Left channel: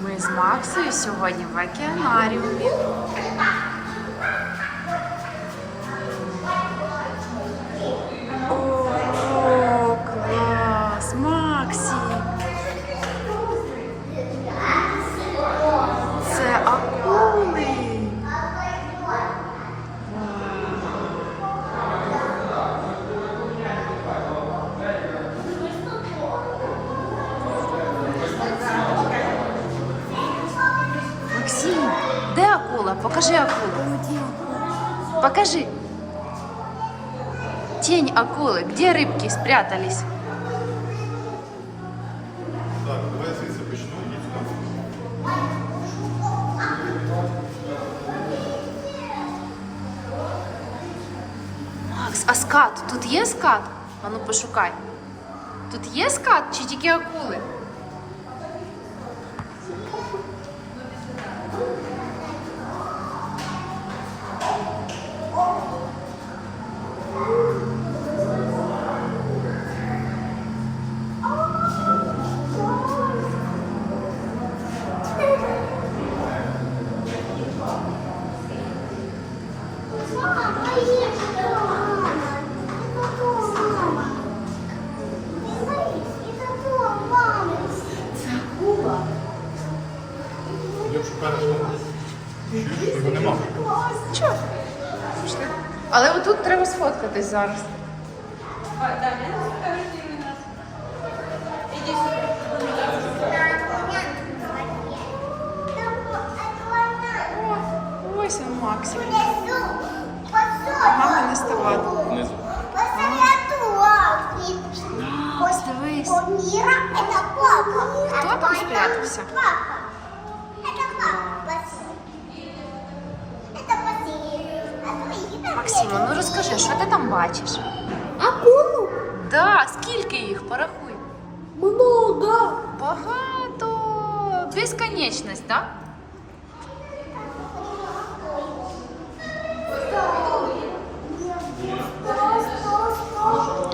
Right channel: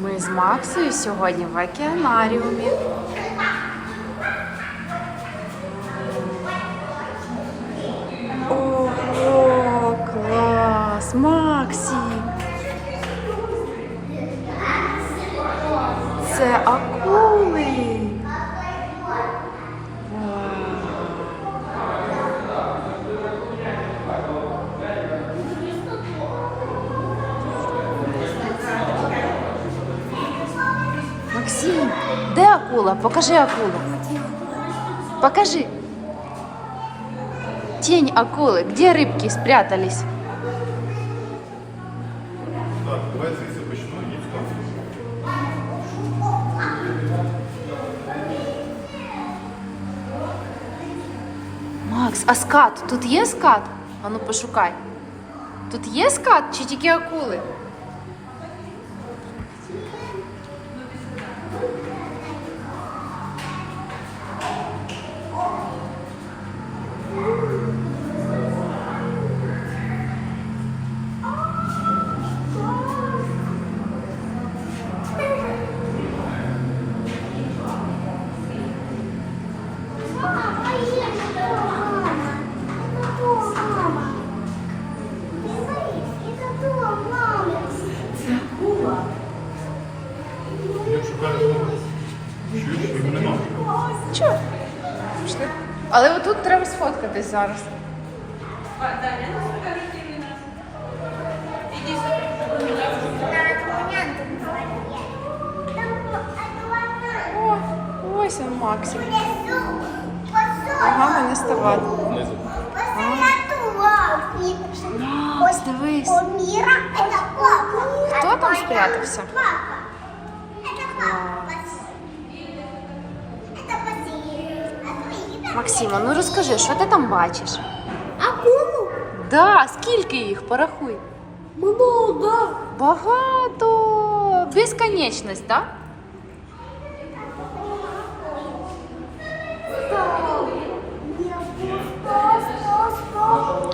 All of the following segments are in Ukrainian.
Ми з Максою сьогодні в океанаріумі. Максим, де акула? Покажи акулу. Покажи. Тень акулы. Где рыбки спрятались? Так, давай звідси почну і сюди. Макс, а скат? Тут є скат? А ну пошукай. Тут є скат чи тільки акули? Його. Але отут треба сфоткатись зараз. Ось він Максик. Ага, мене ставати. Внизу. Дивись. Хто там спрятався? Максима, ну розкажи, що ти там бачиш? Акулу? Да, скільки їх? Порахуй. Много. Багато. Безконечність, так?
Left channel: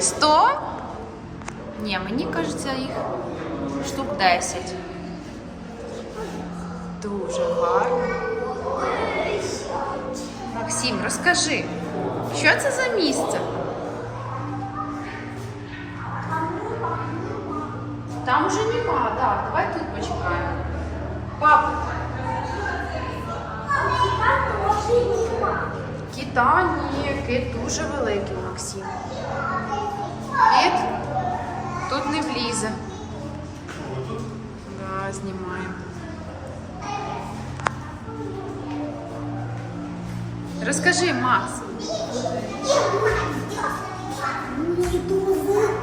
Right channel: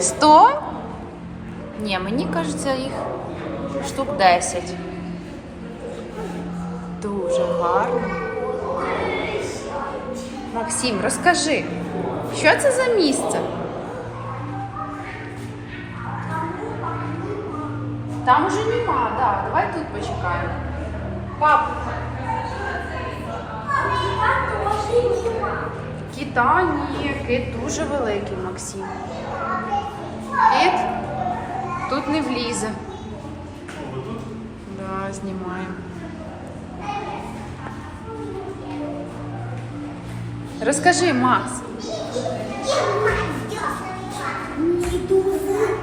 Сто? Ні, мені кажеться, їх штук 10. Дуже гарно. Максим, розкажи, що це за місце? Там уже нема, да. Давай тут почекаємо. Пап, кита ні, кит дуже великий, Максим. Кит тут не влізе. Да, знімаємо. Розкажи, Макс.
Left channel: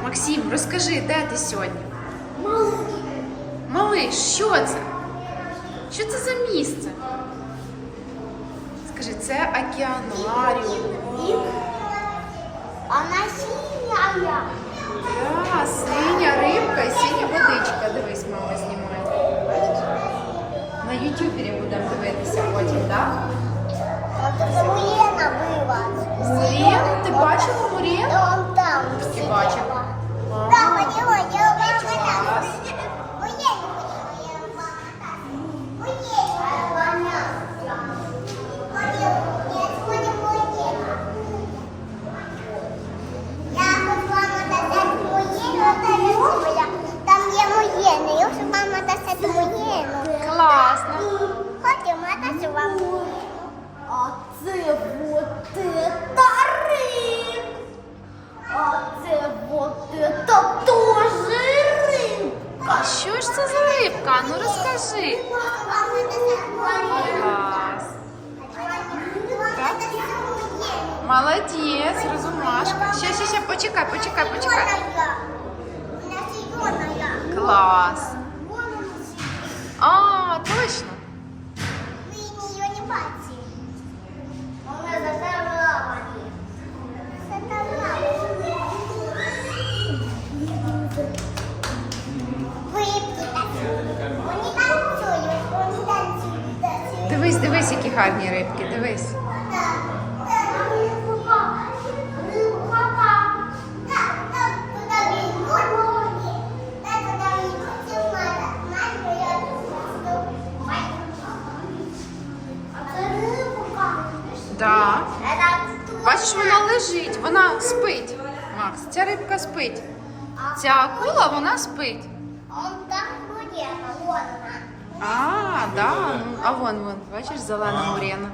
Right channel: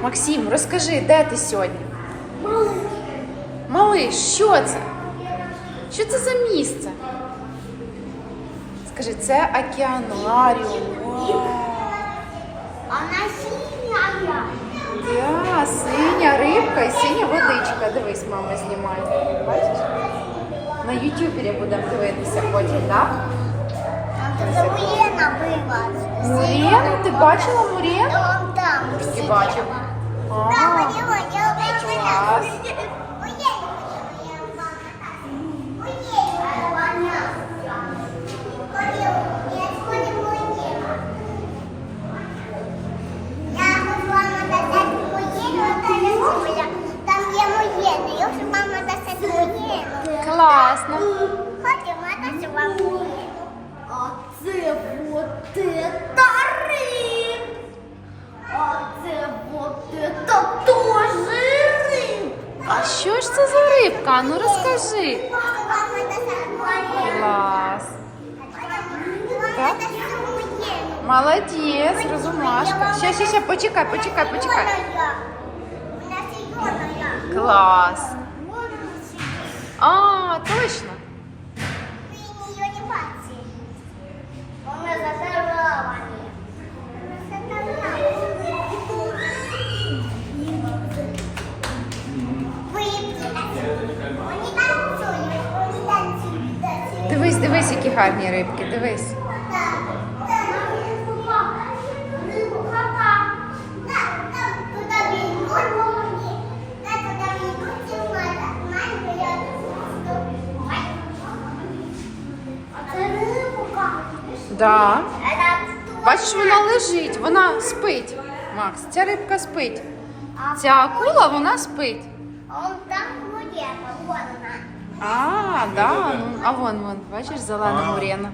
Максим, розкажи, де ти сьогодні? Малиш, що це? Що це за місце? Скажи, це океанаріум. Вау. Она синяя. Да, синя рибка і синя водичка. Дивись, мама знімає. Бачиш? На ютубері будемо дивитися потім, так? Это Мурена была. Мурен? Ти бачила Мурен? Он там. Ти бачила? Клас. Там є я вже мама рибка? Ну розкажи. Мама дасть моєнне. Клас. Так? Молодець, розумашка. Ще, ще, ще, почекай, почекай, почекай. Клас. А, точно. Дивись, які гарні рибки, дивись. Да. Бачиш, вона лежить, вона спить. Макс, ця рибка спить. Ця акула, вона спить. А там воде, вон вона. А, да. Ну, а вон, вон, бачиш, зелена мурена.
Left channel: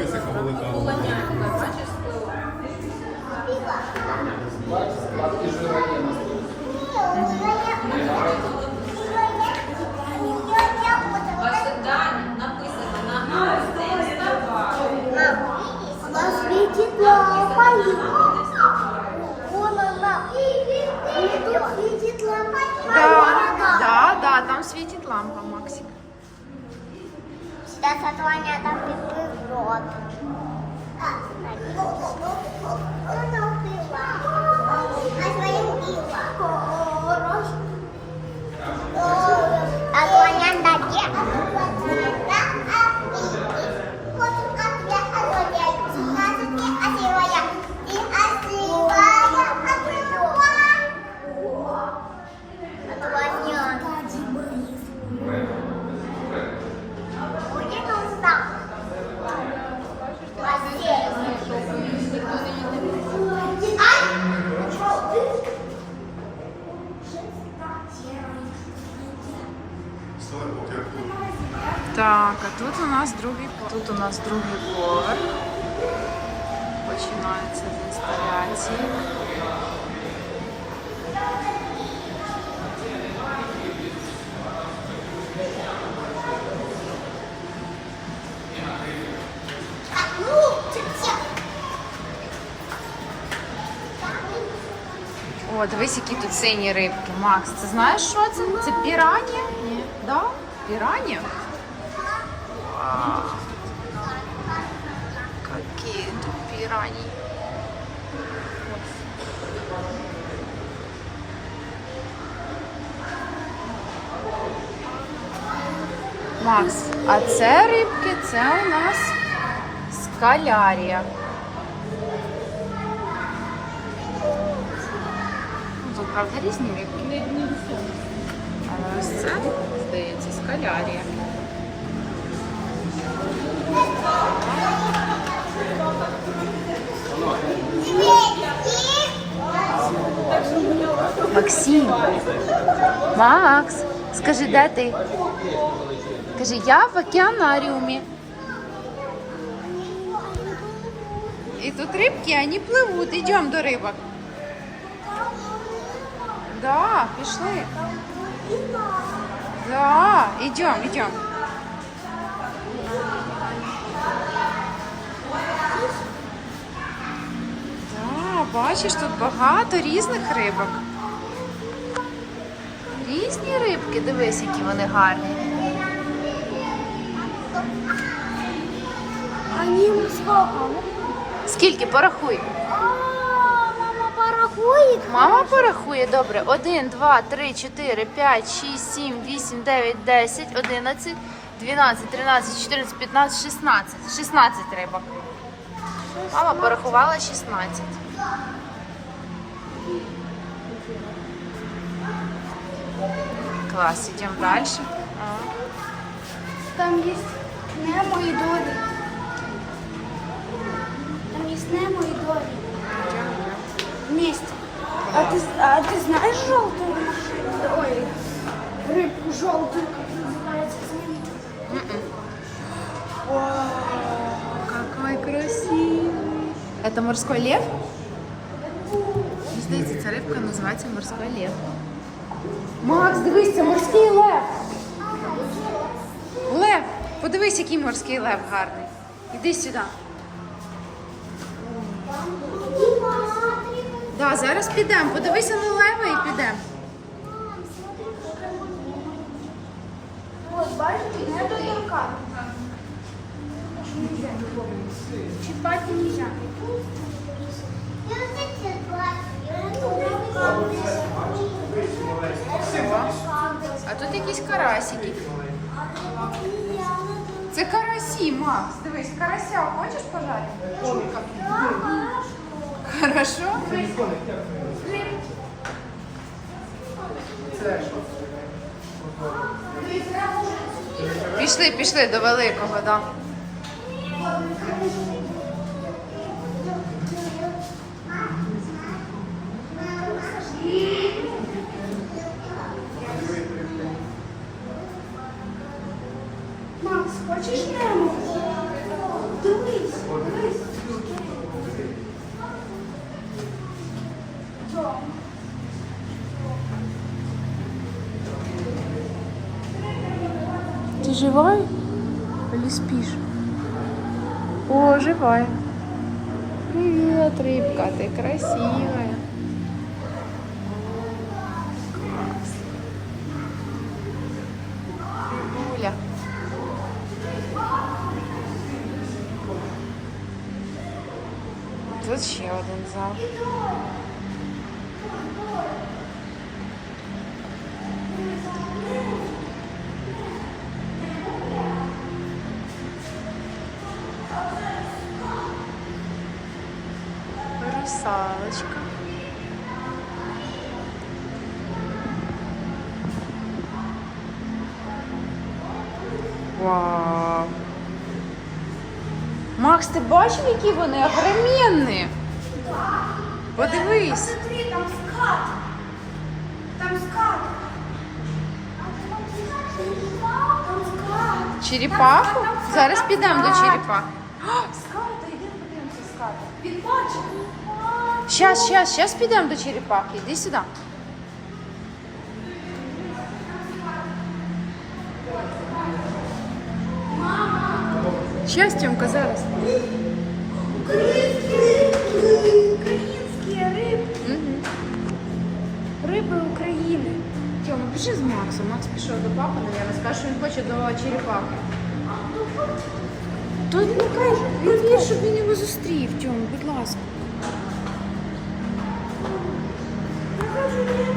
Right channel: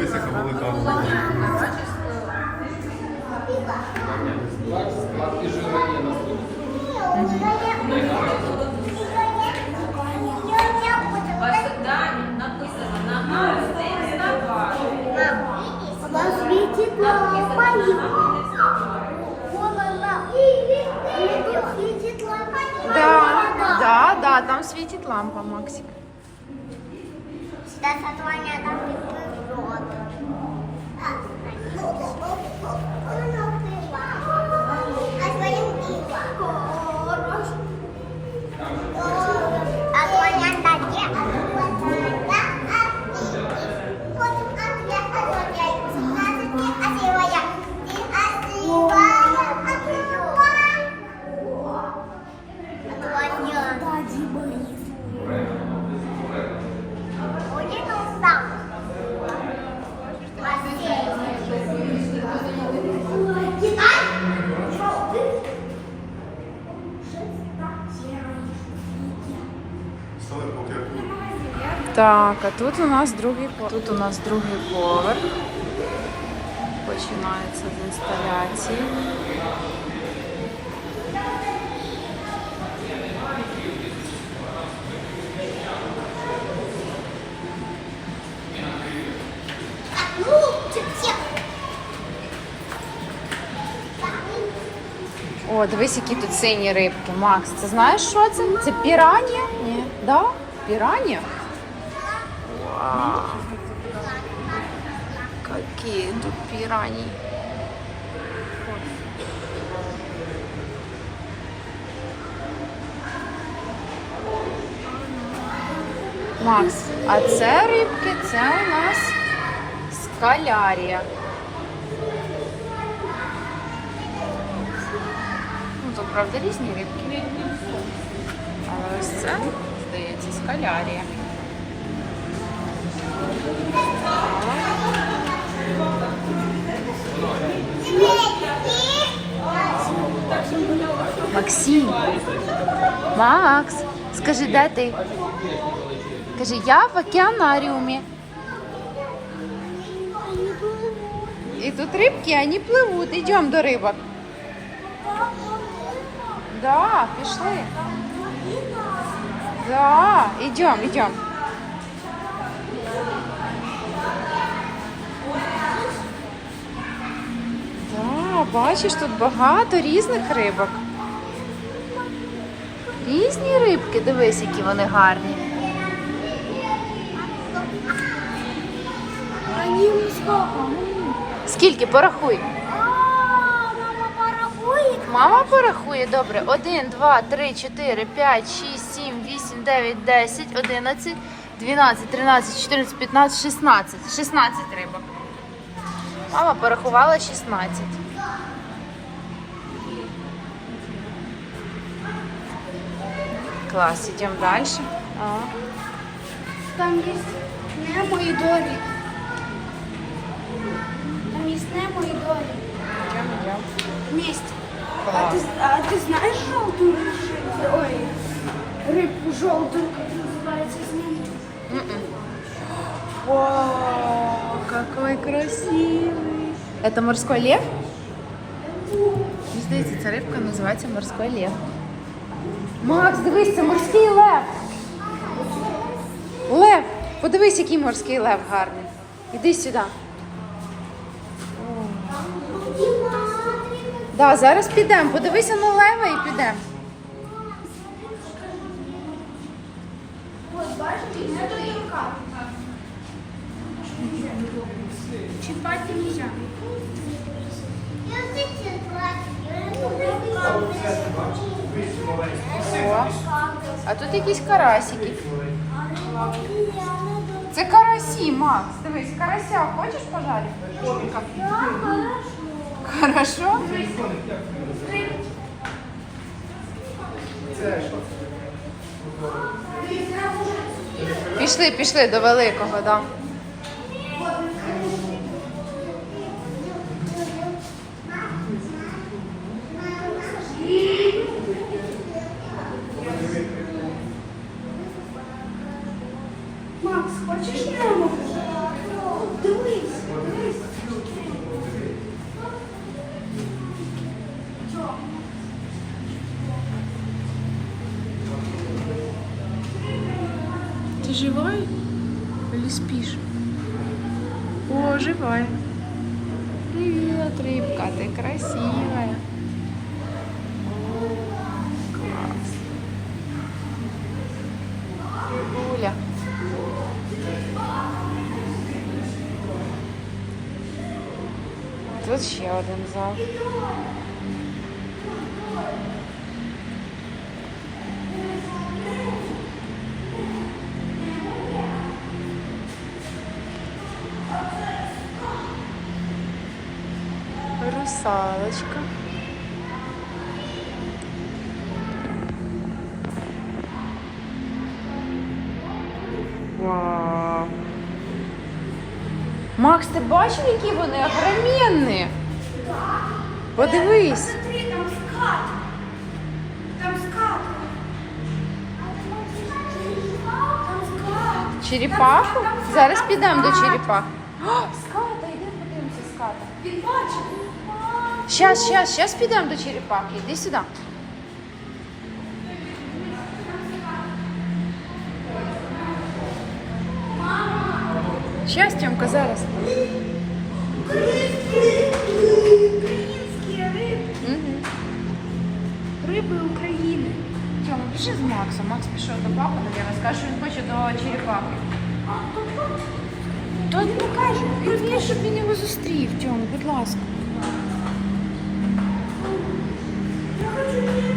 Дивись, яка велика акула. Светит лампа. Да, там светит лампа, Максик. Сейчас от Ваня там рот. Так, а тут у нас другий поверх. Тут у нас другий поверх. Починається з інсталяції. О, дивись, які тут сині рибки. Макс, це знаєш, що це? Це піранія? Ні. Да? Піранія? Какие тут пираньи. Макс, а це рибки, це у нас скалярія. Ну, правда різні рибки. Ось це, здається, скалярія. Максим. Макс, скажи, де ти? Кажи, я в океанаріумі. І тут рибки, вони пливуть. Йдемо до рибок. Да, пішли. Да, йдемо, йдемо. Бачиш, тут багато різних рибок. Різні рибки, дивись, які вони гарні. Скільки? Порахуй. Мама порахує, добре. 1, 2, 3, 4, 5, 6, 7, 8, 9, 10, 11, 12, 13, 14, 15, 16. 16 рибок. Мама порахувала 16. Клас, ідемо далі. А. Там есть Немо и Дори. Там есть Немо и Дори. Йдемо, йдемо. Вместе. А Клас. ты, а ты знаешь желтую машину? Ой, рыбку желтую, как называется? Знаешь? Вау, какой красивый. Это морской лев? Мені здається, ця рибка називається морський лев. Макс, дивись, морський лев. Лев, подивись, який морський лев гарний. Іди сюди. Да, зараз підемо. Подивися на лева і підемо. Вот, бачите, это А тут якісь карасики. Це карасі, Макс. Дивись, карася хочеш пожарити? Шурка. Хорошо? Пішли, пішли до великого, так. Да. Ты живая или спишь? О, живая. Привет, рыбка, ты красивая. О, класс. Рыбуля. Тут ще один зал. Русалочка. Вау. Макс, ти бачив, які вони огроменні? Подивись. Смотри, там скат. Там скат. Черепаху? Зараз підемо до черепахи. Ската, йдемо подивимося ската. Він. Щас, щас, щас підемо до черепахи. Іди сюди. Щас, Тьомка, зараз. Українські риби. Угу. Риби України. Тьома, пішли з Максом. Макс пішов до папи, наверное, скаже, що він хоче до черепахи. То ну кажу, він щоб він його зустрів, Тьом, будь ласка. Thank you.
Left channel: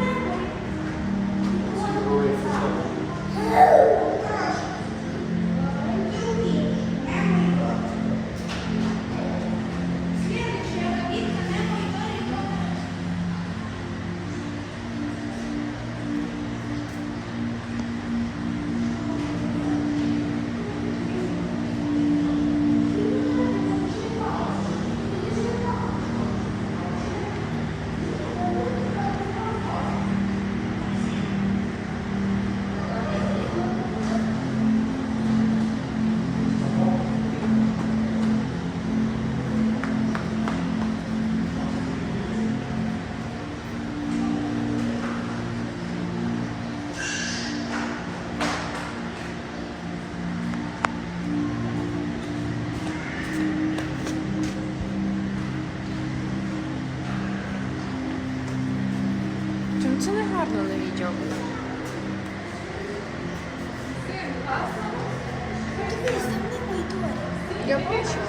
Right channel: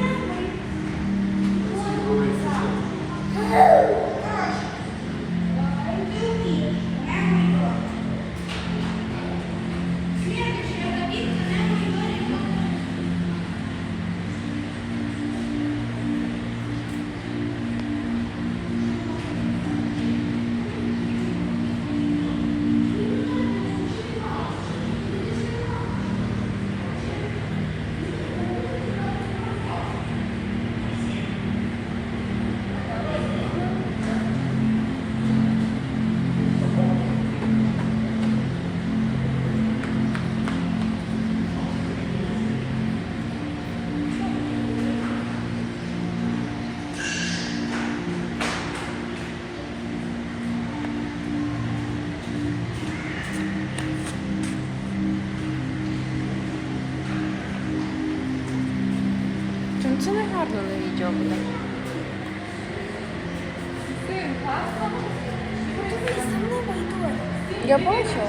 гарно на відео буде. Я бачила.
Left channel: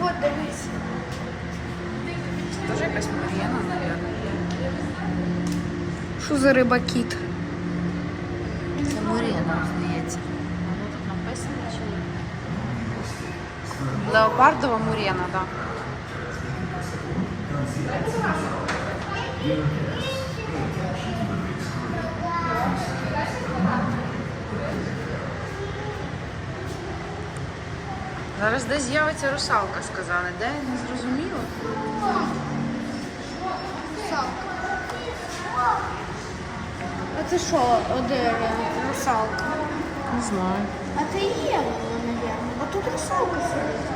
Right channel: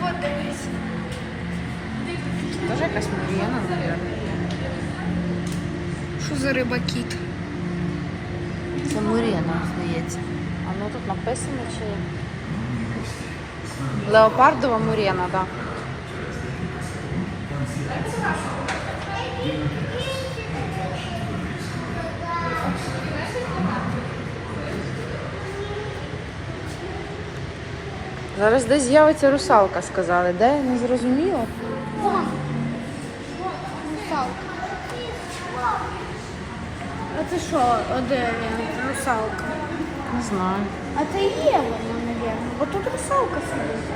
Вот, дивись. Це теж якась Мар'яна, мабуть. Що за риба кіт? Це Мурена, здається. А ну тут написано чи. Леопардова Мурена, так. Да. Зараз десь з'явиться русалка, сказали. Де я не зрозуміла. Русалка. А ти що, де русалка? Не знаю. А це є. є. Бо тут русалка сидить.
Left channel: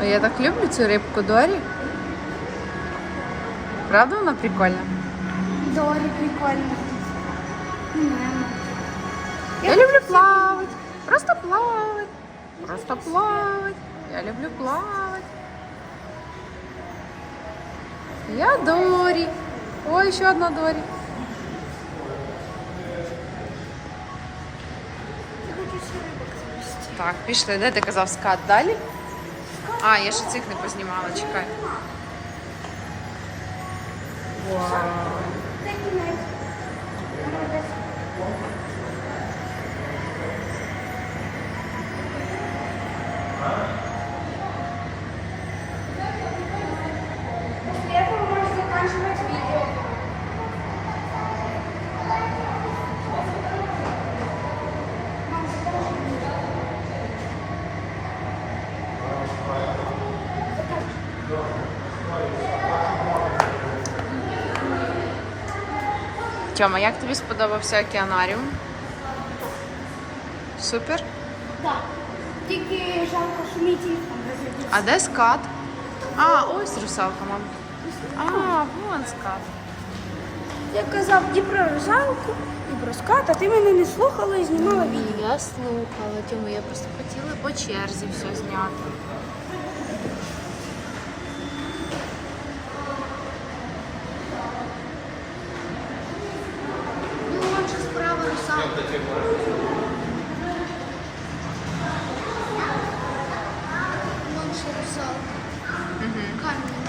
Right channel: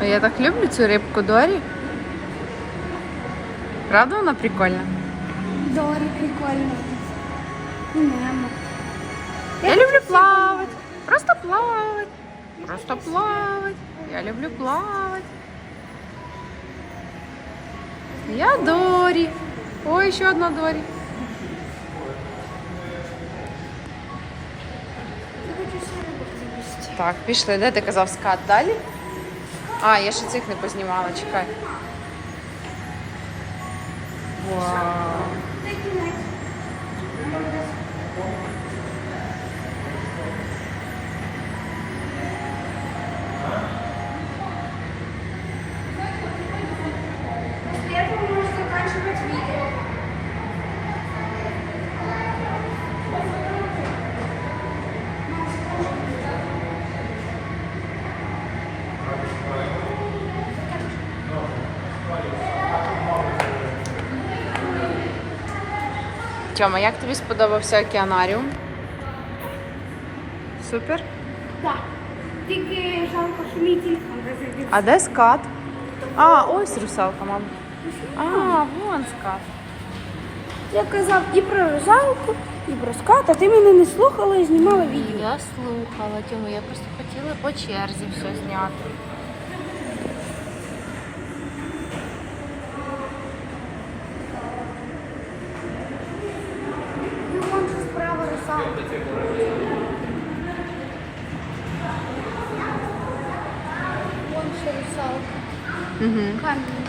А я так люблю цю рибку Дорі. Правда вона прикольна? Доволі прикольно. Я люблю плавать. Просто плавать. Просто плавать. Я люблю плавать. Я Дорі. Ой, ще одна Дорі. Так, пішли. Де ти казав скат далі? А, я ще цих не познімала, чекай. Вау. Тьома, як тобі сподобався океанаріум? Супер. Так. Тільки жалко, що мій телефон розрядився. А де скат? А, ось русалка, мам. А, вон скат. Я казав і про русалку, і про скат, а ти мене не слухала і знімала відео. Я слухала, Тьома, я просто хотіла по черзі все зняти. Ну, вон же справа русалка. Вон